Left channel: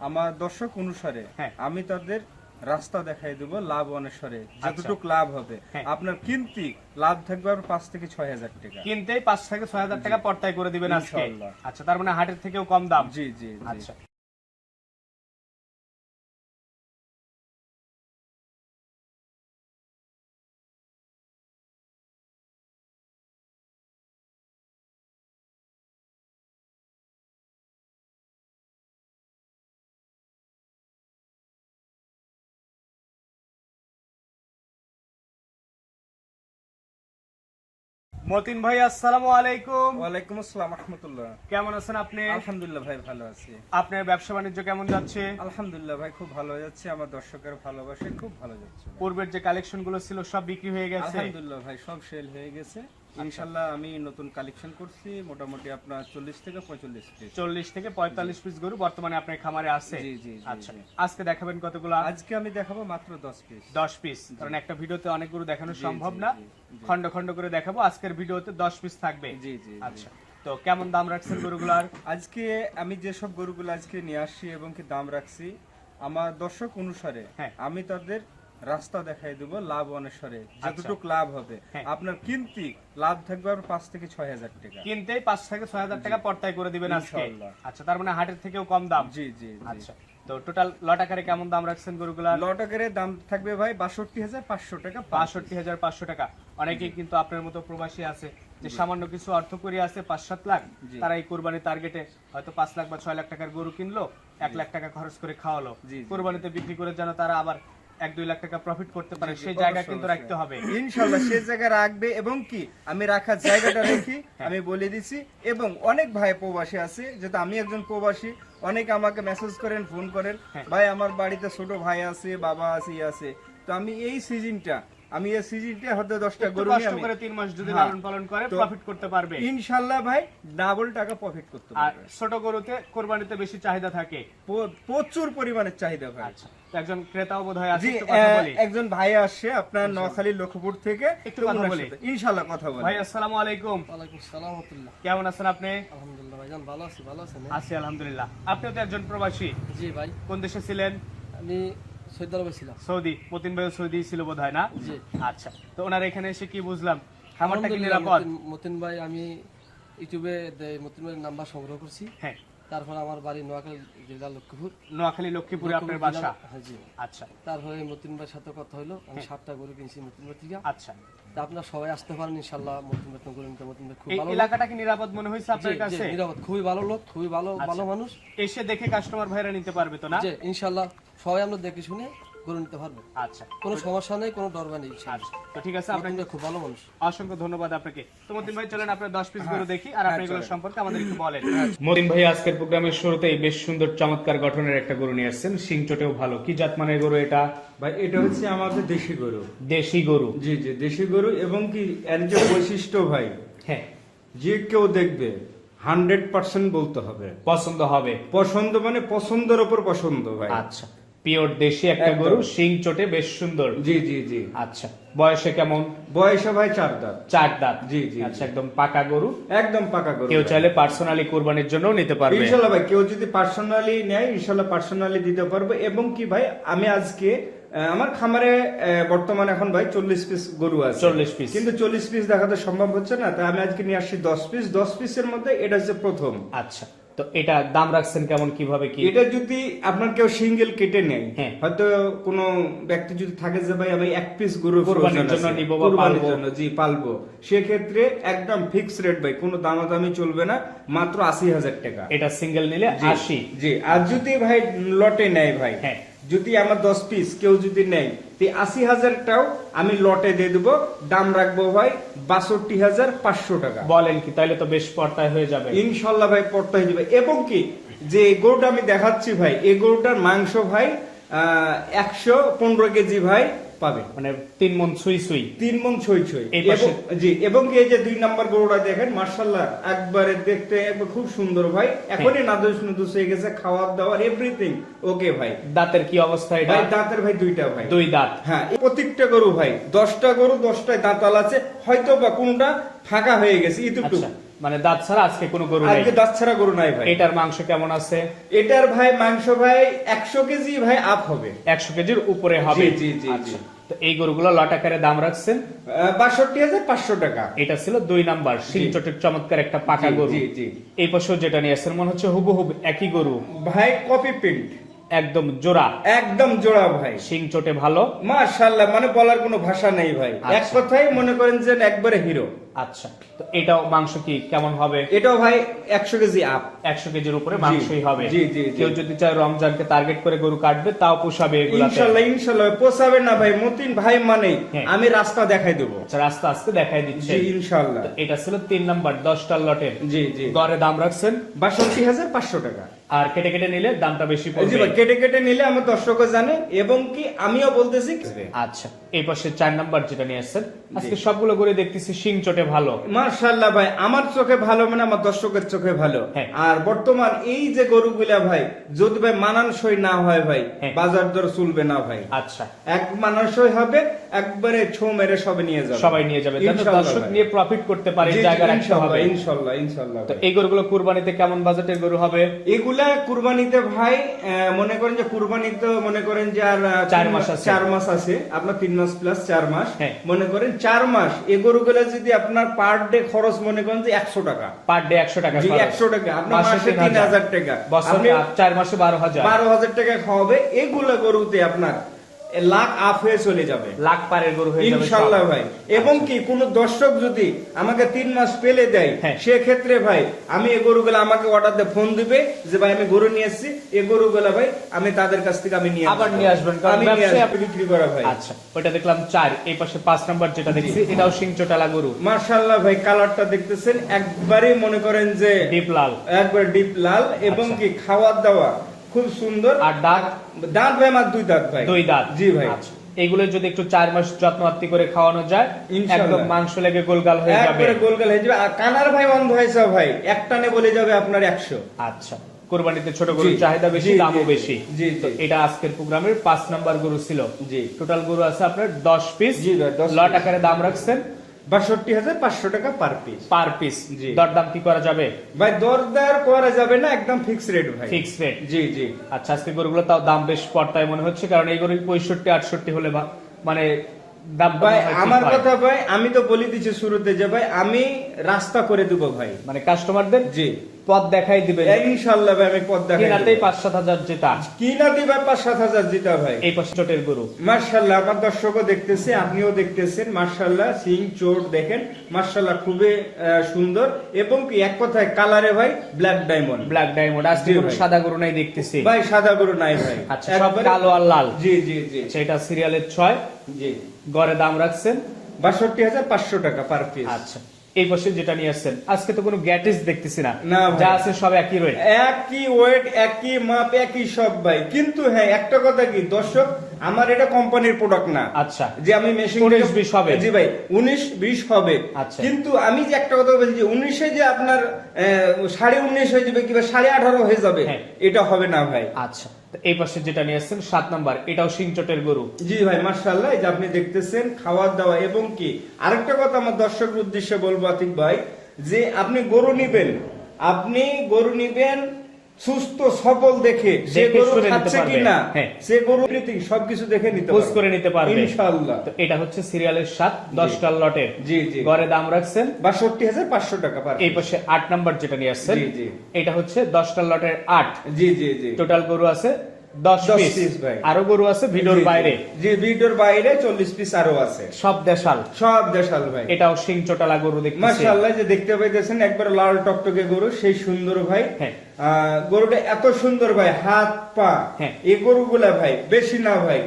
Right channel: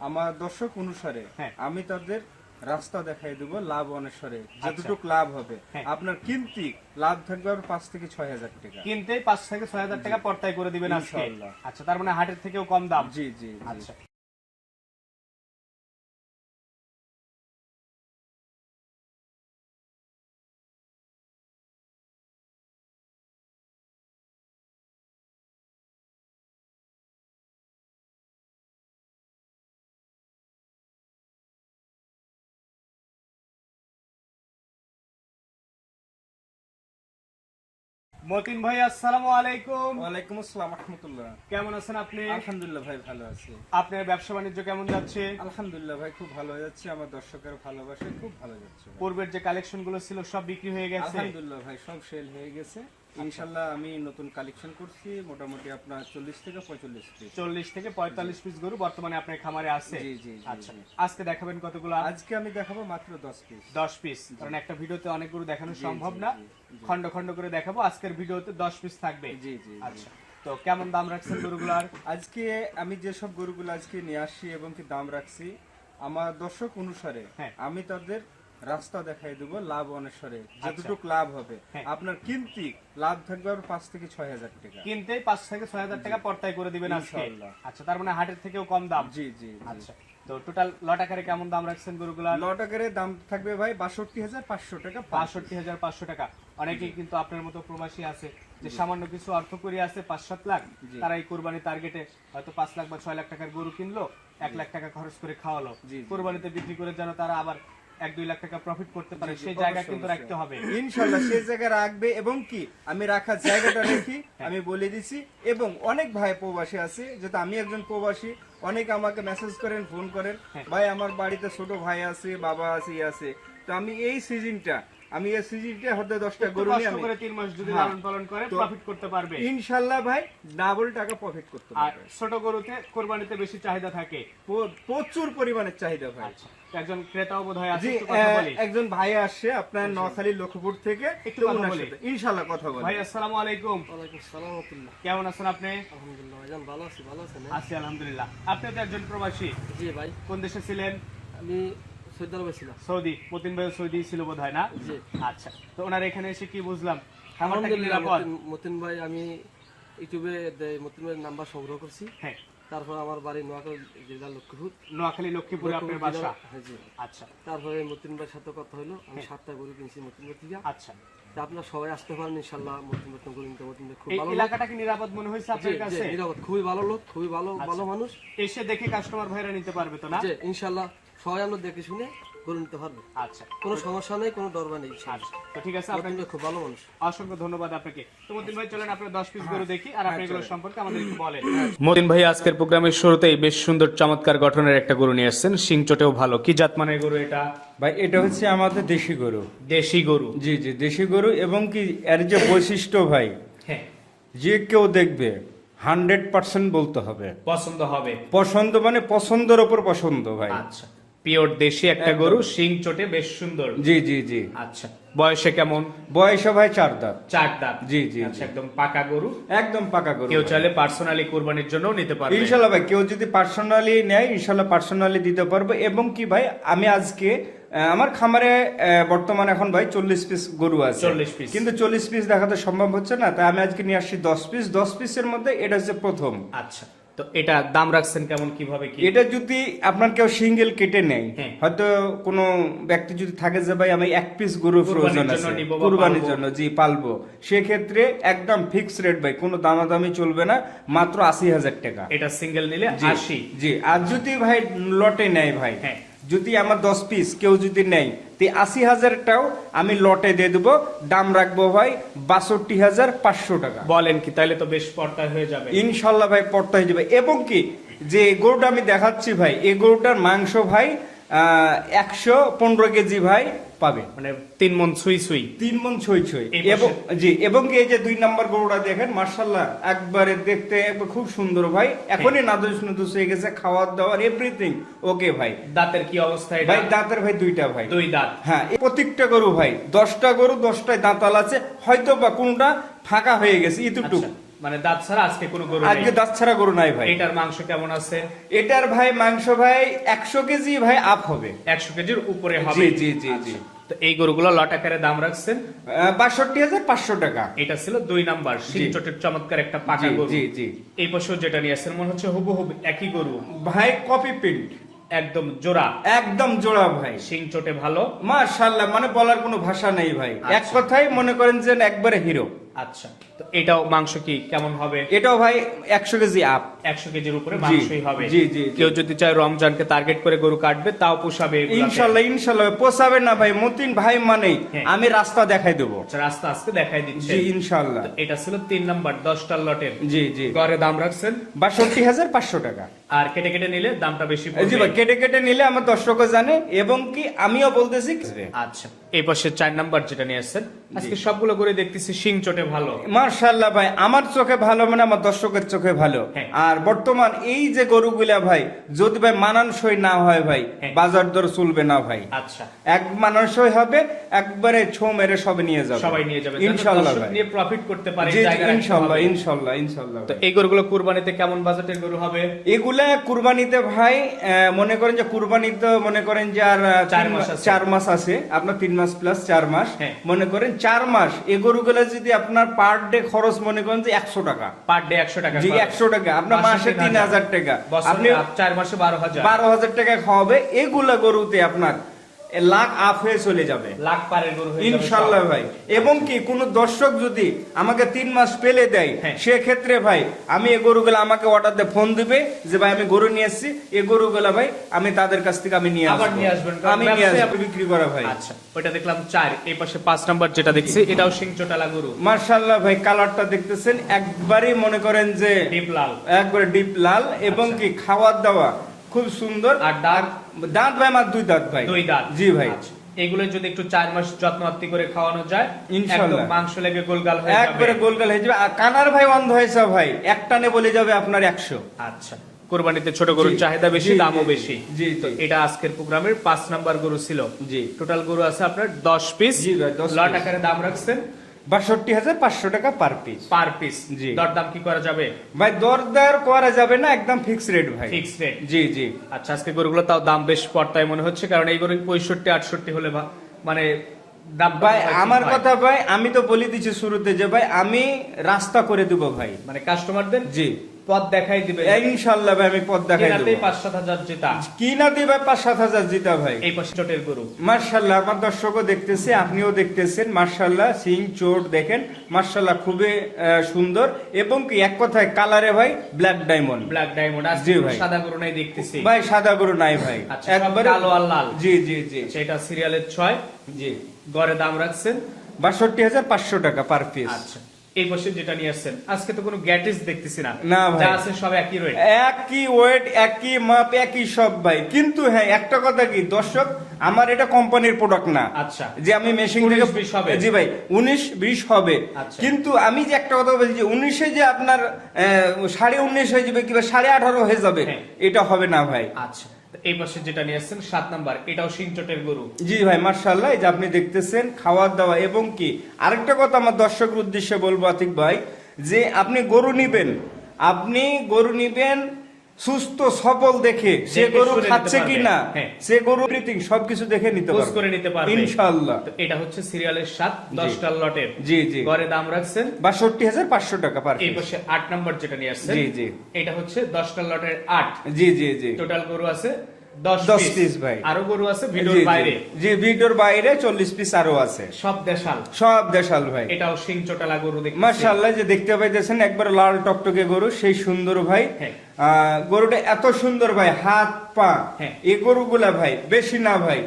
আমার দর্শক অনুসারে হ্যাঁ। আমি তাদের রাস্তা দেখাই দেবো লাভ অনুসারে আচ্ছা। যতটুকু লাভ হবে হ্যাঁ। আপনার কিনতে লাভ থাকবে আর পাঁচ থেকে ছয় হাজার টাকা কিনতে পাঁচ থেকে ছয় হাজার টাকা পর্তায় করে দিবেন আজকে আচ্ছা তার মানে হাটের থেকেও কম দাম জি জি। আচ্ছা মতিন ভাই আসসালামু আলাইকুম। ওয়ালাইকুম আসসালাম রহমতুল্লাহ। কেমন আছেন আপনি? আলহামদুলিল্লাহ ভাই ভালো আছি। আপনার ব্যবসা বাণিজ্য কেমন যাচ্ছে? আলহামদুলিল্লাহ ভাই খুব ভালো যাচ্ছে। আমার দর্শকের ভালোবাসে খুব ভালো যাচ্ছে পূর্বের যে কালেকশনগুলো ছিল সব বিক্রি হয়ে গেছে? আলহামদুলিল্লাহ ভাই সব সেল হয়ে গেছে। ইনশাল্লাহ আমি নতুন কালেকশন করছি মোটামুটি আপনার চল্লিশ থেকে পঁয়তাল্লিশ পিস চল্লিশ থেকে পঁয়তাল্লিশ পিস গরু বর্তমানে আপনার খামারে আছে? জি, জি, আচ্ছা। আজকে দেখাবেন কতগুলো? আজকে আমি দেখাবো মাত্র দশ পিস দশ পিস কারণ একটা ভিডিওতে অনেক গরু দেখানো সম্ভব না। খন্ড খন্ড করে দেখাবো। আজকের ভিডিওতে দশ পিস থাকবে। জি জি জি। আচ্ছা। তো কেমন দাম রাখছেন গরুগুলার? আজকে আমি যেসব গরুগুলো আজকে নিয়ে আসি এবং কি দাম রাখছি আমার দর্শক অনুসারে হ্যাঁ। আমি তাদের রাস্তা দেখাই দেবো লাভ অনুসারে আচ্ছা। যতটুকু লাভ হবে। হ্যাঁ। আপনার কিনতি লাভ থাকবে আর পাঁচ থেকে ছয় হাজার টাকা। কিনতেই পাঁচ থেকে ছয় হাজার টাকা পর্তায় করে দিবেন আজকে। আচ্ছা তার মানে হাটের থেকেও কম দাম? জি জি। আচ্ছা তো টোটাল লট আকারে কেমন দাম রাখছেন গরুগুলার? লটাকারে দাম থাকবে ভাই বাষট্টি হাজার পাঁচশো টাকা বাষট্টি হাজার পাঁচশো টাকা। অনেকেই কিন্তু আপনার মতো প্রবাসী আছে যে সামান্য কিছু অর্থ করি আছে পাঁচ সাত লাখ তারা এই কোরবানি টার্গেটে হয়তো পাঁচ লাখ বা ছয় লাখ টাকার গরু কিনলো এক লাখ টাকা খরচ করে খাওয়ালো। কোরবানিতে বিক্রি করে যেন তারা আবার এক দুই লাখ টাকা প্রফিট করতে পারে সেই জায়গা কিন্তু রাখতে হবে। ইনশাল্লাহ সেই জায়গা রাখবে এবং কি আমি রাখার জায়গাটা রেখি আমি বলে দিছি। এবং অনেক ভাই প্রবাসী আছে যেহেতু আমি একজন প্রবাসী অনেক আমাকে মেসেজ করেন ফোন করেন। হ্যাঁ। ভাই আমার বাড়িতে ছোট ভাই আছে বাবা আছে ই আছে। তো আমি এই সিজনটা আমি এই সিজনটা হয়তো দশটা একটু গরু নিয়ে আমি করে তিন মাস যদি হ্যাঁ। লালন পালন করে প্রফিট করতে পারবে। ইনশাল্লাহ ভাই ডাবল টাকা প্রফিট করতে পারবে। আর ছোট গরুতে কোরবানিতে বেশি চাহিদা থাকে। প্রচুর পরিমাণের চাহিদা ভাই। আচ্ছা একজন ক্রেতাও বোধ হয় আছে একটু কথা বলি। একজন ভাই আসছে আপনার নোয়াখালী লক্ষ্মীপুর থেকে একটু কথা বলি। সাথে। ইনশাল্লাহ কথা বলি। ভাই আসসালামু আলাইকুম। ওয়ালাইকুম সালাম রহমতুল্লাহ। কেমন আছেন আপনি? আলহামদুলিল্লাহ ভাইজান ভালো আছি ভালো আছেন আছি আলহামদুলিল্লাহ। আপনি তো একজন প্রবাসী। জি ভাই। কোন দেশে ছিলেন? আমি সৌদি আরবে ছিলাম। সৌদি মতিন ভাই সৌদি ছিল বোধ হয় না আচ্ছা তো ওনার এখানে এসে কি বুঝলাম? খামারটা কি নিরাপদ? মতিন- মতিন ভাই আমি ইউটিউবে মতিন ভাইয়ের নাম্বার সংগ্রহ করছি। হ্যাঁ। তারপর আমার বাড়ি নোয়াখালী জেলা লক্ষ্মীপুর। নোয়াখালী লক্ষ্মীপুরে আপনার বাসা? জেলা- হ্যাঁ, জি। আচ্ছা। তারপরে মতিন ভাইয়ের সাথে কথা হলো আমি সাতটা গরু কিনছি মতিন ভাই থেকে। আচ্ছা। তা আপনারা সবাই আসতে পারেন ইনশাল্লাহ মতিন ভাই গরু নিতে মতিন ভাই খুব ভালো এলাকাটা কি নিরাপদ মনে হয়েছে আপনার কাছে? নিরাপদ। খুবই ভালো লোক খুবই ভালো ভালো মানুষ। এসে দেখে কাস্টমার ভাইরা নিতে পারবে তো না? ইনশাল্লাহ সবাই আমরা দেখে শুনে গরু নিতে পারবে। আচ্ছা। কোনো সমস্যা নেই কোনো ডরবা নেই আচ্ছা তো ঠিক আছে আপনাকে খুব ভালো মানুষ। অসংখ্য ধন্যবাদ আপনাকে। তো মতিন ভাই চলেন আপনার দশ পিস গরু দেখি আর আপনি এগুলো সম্পর্কে আমাদের একটু বলেন। মতিন ভাই আজকের প্রোগ্রামের শুরুতেই বেশ সুন্দর চমৎকার গঠনের একটা গরু নিয়ে আসছেন। সিং চটেও ভালো। কি জাত মানের গরু এটা? ভাই এটা হচ্ছে আমাদের দেশি গরু। দেশি গরু। জি জি দেশি গরু এবং কি এর যে বৈশিষ্ট্য ভাই হ্যাঁ। যে কেউ দেখবে হান্ড্রেড পার্সেন্ট বলতে হবে। পছন্দ হবে। পছন্দ মানে পছন্দের ওপর পছন্দ ভাই। আচ্ছা। পিওর দেশি একটা একদম। গরু সিং চটে বেশ সুন্দর। জি জি জি। আচ্ছা বয়সে কেমন? বয়সে ভাই চার দাঁত। চার দাঁত। জি, জি, আচ্ছা একদম পাকা গরু। একদম পাকা গরু। কেউ চাইলে পার্সোনালি কোরবানির জন্য নিতে পারবে। ইনশাল্লাহ ভাই কেউ যদি পার্সোনালি নেয় ইনশাল্লাহ পার্সোনালি দিতে পারব। এবং কি ভাই আমি আজকে আহ, আমার খামারে আহ, বর্তমানে এখন ভাই চল্লিশ পিস গরু আছে। 40 piece। কিন্তু চল্লিশ পিস দেখাতে সম্ভব হচ্ছে না। তাই আমি আজকে নিয়ে আসছি দশ পিস। দশ পিসের মধ্যে এটা হচ্ছে প্রথম। আচ্ছা। তো এটা দাম রাখছেন কেমন কীভাবে কি? এটা যদি আপনার কেউ সিঙ্গেল কেটে নেয় হ্যাঁ। হয়তো কোনো ব্যক্তি যদি থাকে যে ভাই আমি এক পিস গরু কোরবানির জন্য জি পালবো। সেক্ষেত্রে একদম ফিক্স রেট ভাই কোনো দামাদামি চলবে না মাত্র আশি হাজার টাকা। এটা সিঙ্গেল নিলে আশি। জি আর যদি ভাই লটে নেয় ভাই হ্যাঁ। যদি আমার দশ পিস কেউ যদি নেয় তো আশি হাজারটাও আমি লটে দিয়ে দেবো। দাম রাখব ভাই বাষট্টি হাজার পাঁচশো টাকা। বলেন কি তাইলে তো বেশ পর্দায় হয়ে যাবে। ইনশাল্লাহ ভাই পর্দা হয়ে যাবে। এবং কি যে গরুটা আমি দেখাচ্ছি ভাই এ গরুটার মাংস ভাই একশো পনেরো কেজি ভাই পাবে। মানে তিন মন ছুই ছুই। তিন মন ছই ছই। জি এবং এই যে দুই নাম্বার গরুটা দেখেন মার্শাল্লাহ একবারে দেখতে খুব সুন্দর ভাই। এখনই নাদুস নুদুস হয়ে গেছে খাওয়ার দাওয়ার এভরিথিং ওকে ভাই। দাঁতের কি অবস্থা এটা? ভাই দাঁতের ভাই দুইটা ভাই। দুই দাঁত। হ্যাঁ প্রত্যেকটা গরু ভাই দশটা গরু দশটায় দাঁতাল আছে হয়তো বা কোনটা ফাঁকা হয়ে গেছে ইতুটুক। আচ্ছা। মানে দাঁত ছাড়া আজকে কোনো গরু নেই। আজকে দাঁত ছাড়া গরু নাই ভাই। এটার মাংস কেমন আছে? এটার ভাই মাংস ভাই একশো কেজি ভাই আপ হবে। একশো কেজির উপরে হবে? জি, জি, জি, আচ্ছা। তো এই গরুগুলো লট আকারে দাম রাখছেন? বাষট্টি হাজার পাঁচশো টাকা। এটা ছিল দুই নাম্বার শিলচটের চমৎকার একটা পাকা গরু। জি, জি। এই পাশেও যেটা নিয়ে আসছেন মনে হচ্ছে হুবহুব একই গরু। ভাই কপি প্রিন্ট একদম জোড়া। একদম জোড়া ভাই। শিং চটে ভালো। মাশাল্লাহ মানে বলার কোনো ভাষা নেই ভাই। এক কথাই মনে করেন যে একবারে হিরো আচ্ছা তো এটাও মাংস কি কেমন হবে? এটাও ভাই একশো কেজি আপ একশো কেজির উপরে মাংসই হবে। জি, জি, জি। কেউ যদি চায় রমজানকে টার্গেট করে গরু কাটবে তাও পোষাবে ইনশাল্লাহ ইনশাল্লাহ পোষাবে না ভাই মতিন ভাই হ্যাঁ। আমি রাস্তা দেখাই দেবো। আচ্ছা রাস্তা আস্তে দেখাই দিচ্ছে। ইনশাল্লাহ। এটা ছিল তিন নাম্বার দশটার লটের জি জি। গড়ে দাম রাখছেন? বাষট্টি হাজার পাঁচশো টাকা। আর কেটে কেটে নিলে দামটা বেশি পড়বে। কেটে কেটে নিলে আমার দর্শকও জানে এবং কি আমিও বলতেছি। আচ্ছা এই পাশে চার নাম্বার যেটা নিয়ে আসছেন আজকে সবগুলো করে দেখতেছি শিং চটে ভালো। মার্শাল্লাহ ভাই আমার চোখে ভালো মানে আমার দর্শকের চোখে ভালো। হ্যাঁ। আর বর্তমান এই যে গরুগুলা ভাই যদি ভাই মানানসই না হয় ভাই হ্যাঁ। বাজার দর চলবে না ভাই। আচ্ছা। এক মানানসই হবে একবারে ছো মেরে সবে নিয়ে যাবে। সবাই নিয়ে যাবে দর্শক নিয়ে প্রফিট করতে পারে জায়গা রাখতে হবে। ইনশাল্লাহ ইনশাল্লাহ তো এই গরুগুলো কুরবানিতে কেমন বাজেটের গরু হবে? এগুলা কুরবানিতে ভাই মনে করেন যে কুরবানিতে মনে করেন যে আর চার মাস আছে। চার মাস আছে আপনার তিন মাস প্লাস চার মাস। হ্যাঁ। মনে করেন চার মাস এ গরু গরুগুলো যদি আপনার পার ডে খরচ মনে করেন যে একশো টাকা। পার ডে একশো টাকা জি একশো টাকা আপনার মাসে তিন হাজার টাকা। চার মাসে বারো হাজার। বারো হাজার টাকা খাওয়াবে এগুলা গরুতে আপনার লাখ আপ হয়ে চলে যাবে। লাখ পারের গরু হয়ে যাবে ইনশাল্লাহ ভাই। এবং কি কোন দর্শক যদি আমাকে তিন মাস পেলে দেয় হ্যাঁ। সেক্ষেত্রে ভাই আমি এই গরুগুলো আমাকে অর্ডার ফোন দিবে যে ভাই আমি গরু নিয়ে এসেছি। এই গরুগুলো ভাই আমি তাদের কাছ থেকে আমি নিয়ে আবার নিয়ে আসবেন, কারণ আসব, বিক্রি করা ভাই। আচ্ছা ওটা দেখলাম চার এই পাশে পাঁচ নাম্বার যেটা দেখছি এটাও সিং চটালা গরু। মার্শাল্লাহ ভাই কালারটা দেখতেছেন একবারে মনে করেন যে ডিপ লাল। একবার ডিপ লাল। এবং আচ্ছা। কি খাওয়ার দাওয়া খুব সুন্দর। আর দাঁত দাঁত ভাই আমার দুই দাঁত ভাই। দুই দাঁত? জি ভাই। আচ্ছা। এগুলো যদি একটু চার মাস যত্ন আত্তি করে খাওয়ানো যায় একদম মাংস লেগে গোলগাল হয়ে যাবে। একবারে গোল গোল হয়ে যাবে। আর কানার ভাই অন্ধ হয়েছে ভাই। একটানে বলে যাবে আপনার একশো। আচ্ছা। কোরবানিতে ছোট গরুর চাহিদা বেশি দামও বেশি। জি, তো। এটা আজকের প্রোগ্রামের পাঁচ নাম্বার গরু ছিল। জি। টোটাল গরু আছে আপনার দশ পিস জি ভাই, 10 লট। আকারে দাম রাখছেন। বাষট্টি হাজার পাঁচশো টাকা পার পিস পার পিস জি। দরদাম কি করা যাবে? ভাই দরদার করা যাবে না একদম ফিক্স রেট ভাই। ফিক্স রেট জি জি। আচ্ছা আজকে গরুগুলো তাও দাম বেশ পড়তায় মনে হচ্ছে কারণ এই গরু পঁয়ষট্টি আটষট্টি হলে মানে দাম ভাই আমার কথা ভাই আমি তো বলে দিচ্ছি শুরুতে যে ভাই আমি রাস্তা করে দেবো ভাই। মানে কাস্টমারদের জি। পথ দেখাই দিবে ইনশাল্লাহ ভাই আমি পদ দেখাই কিনাতেই দেবো। পাঁচ সাত হাজার যেটা কি না দিবে পাঁচ সাত হাজার জিতা ভাই। এই পাশে গরু। মার্শাল্লাহ আমার দর্শকও দেখতেছি আপনিও দেখতেছেন। মার্শাল্লাহ সিং চোট দেখেন। মার্শাল্লাহ খুবই সুন্দর। এবং কি এক কথায় কালারে ভাই ব্ল্যাক ডায়মন্ড ব্ল্যাক ডায়মন্ড আজকে ভাই। সাদা গরু নাই দেখতেছি। ভাই সাদা গরু নাই ভাই। আচ্ছা, একবারে- কালো আর লাল। জি জি জি। সেটা সিরিয়ালের ছয়। জি। গড়ে দাম রাখছেন। বাষট্টি হাজার পাঁচশো টাকা পার পিস আচ্ছা। এই কোশ্চেন যেটা নিয়ে আসছেন। আজকে তো কোনো গ্যাটিস দেখতেছি না। যা আছে সব একই ওয়েট একই ওয়েট একই মাপ একই সব ভাই। কিন্তু হ্যাঁ একটা কথা কি দর্শক আমার এটা কোম্পানির প্রোডাক্ট না আচ্ছা। যে আমি মেশিন 19 থেকে 20 হবে। জি ভাই উনিশ বিশ হবে আচ্ছা। কিন্তু আমি যে একটা কথা বলছি যে উনিশে যে আপনার সাড়ে উনিশ হয়ে যাবে কিংবা সাড়ে আঠারো হয়ে যাবে হ্যাঁ। এটা হবে না ভাই আচ্ছা এই পাশে যেটা নিয়ে আসছেন সাত নাম্বার এটাও সিংচটের গরু জি ভাই মার্শাল্লাহ যে আপনি দেখতেছেন খাওয়ার দাওয়া এবং কি আরেকটা কথা আমার দর্শকের উদ্দেশ্যে বলব আতিক ভাই যে আপনি গরু নিবেন আপনি গরু নিবেন সুস্থ সবল দেখে সে গরু খাচ্ছে কিনা হ্যাঁ। সে গরু everything সবকিছু দেখে নিতে পারবে। করে নিতে পারবে। ইনশাআল্লাহ। তো এটা হচ্ছে সিরিয়ালের সাত দশটা লটের। জি, জি। গড়ে দাম রাখছেন? বাষট্টি হাজার পাঁচশো টাকা পার এই পাশে আট নাম্বার যেটা নিয়ে আসছে জি, জি। এটা হচ্ছে দশটা লটের আট। জি জি জি। টোটাল গরু আছে 10 পিস ভাই। আরও গরু আছে ভিডিওর। বাইরে জি ভিডিওর বাইরে চল্লিশ পিস আরও আছে সব দেশাল সব দেশাল ভাই এটাও সিং চোটালা গরু দেখতেছি মার্শাল্লাহ যে দেখতে পাইতেছেন একবার লাল টকটকে গরু সেই সুন্দর ভাই হ্যাঁ। আহ, গরুটা এত সুন্দর ভাই হাত পা হ্যাঁ। এই গরুগুলা ভাই বেশি না ভাই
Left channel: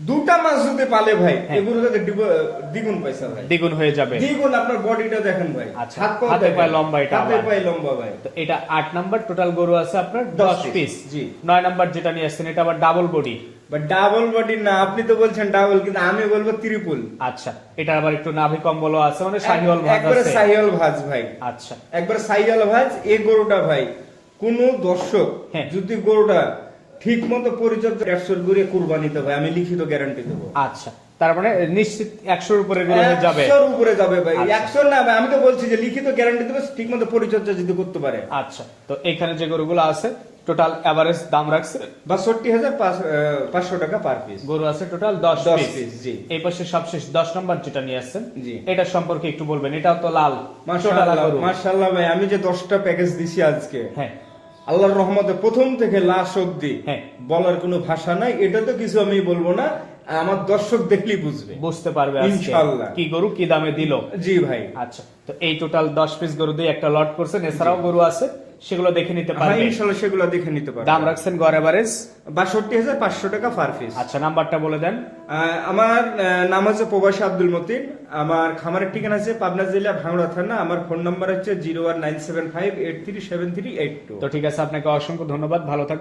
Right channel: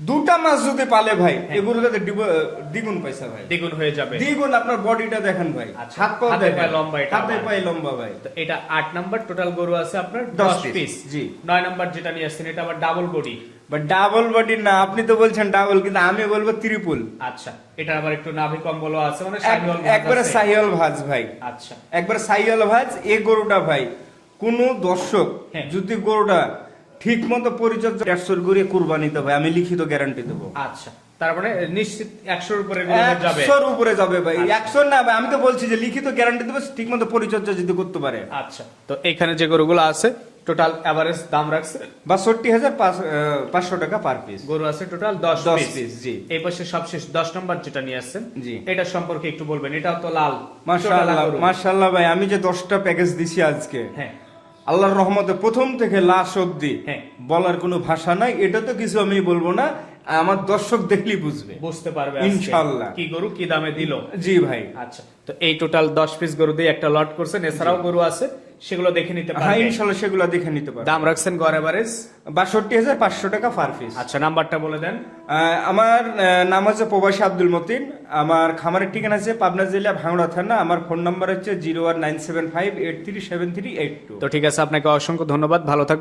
দুটা মাছ যদি পালে ভাই। এগুলো দ্বিগুণ পয়সা ভাই। দ্বিগুণ হয়ে যাবে। দ্বিগুণ আপনার বডিটা দেখেন ভাই। আচ্ছা, হাত পায়ে লম্বা এটা হাতে। পায়ে লম্বা ভাই। এটা আট নাম্বার টোটাল গরু আছে আপনার দশ দশ piece, পিস জি। নয় নাম্বার যেটা নিয়ে আসছেন এটা আবার double body but double body না আপনি তো বলছেন ডাবল কিন্তু আমি বলব ত্রিপুল আচ্ছা এটা আবার একটু নাভি কম্বল আছে মানে শাহিওয়াল ভাগ একবারে আছে। সাইয়াল ভাজ ভাই। আচ্ছা। একবার সাইয়াল ভাজ এই গরুটা ভাই কোন দর্শক হ্যাঁ। যদি গরুটা ঠিক মতো পরিচর্যা একশোর করে কুরবানি দেবো আমি লিখিত গ্যারান্টি দেবো। আচ্ছা তার মানে নিশ্চিত একশোর উপরে যাবে একশোর উপরে যাবে ভাই আচ্ছা। একশো না আমি তো বলছি যে লিখিত গ্যারান্টি দেবো ঠিক মতো পরিচর্যা যদি করতে পারে। আচ্ছা তো এখানে যে গরুগুলো আছে টোটাল এভারেজ দাম রাখছে? বাষট্টি হাজার পাঁচশো টাকা পার পিস গরু আছে টোটাল দশ দশ পিস জি। এই পাশে সবশেষ দশ নম্বর যেটা নিয়ে আসছেন জি। এটা সম্পর্কে একটু বলবেন এটাও তো লাল মার্শাল্লাহ ভাই আমি যে দশটা প্যাকেজ দিছি আজকে হ্যাঁ। আল্লাহর রহমতে প্রথম থেকে লাশ অব্দি হ্যাঁ। বলার কোনো ভাষা নাই। এটা তো কিছু আমি বলব না আমার দর্শক দেখলেই বুঝবে। বুঝতে পারবে ইনশাআল্লাহ। কি গরু কি দামে দিল? জি ভাই। আচ্ছা তো এই টোটাল দশ পিস গরু দিয়ে একটা লট করছেন। এছাড়াও গরু আছে। সেগুলো দেখে নিতে পারেন ইনশাআল্লাহ সেগুলো দেখে নিতে পারবে। দাম রাখছেন গড় এভারেজ বাষট্টি হাজার পাঁচশো টাকা পার পিস আচ্ছা নাম্বারটা বলে দেন। আমার নাম হচ্ছে প্রবাসী আব্দুল মতিন। আমার খামারের ঠিকানা আছে পাবনা জেলা ভাঙড়া থানা। আমার ফোন নাম্বার হচ্ছে zero one nine seven five eight three seven three eight two. তো ঠিক আছে আপনাকে অসংখ্য ধন্যবাদ। ভালো থাকবেন।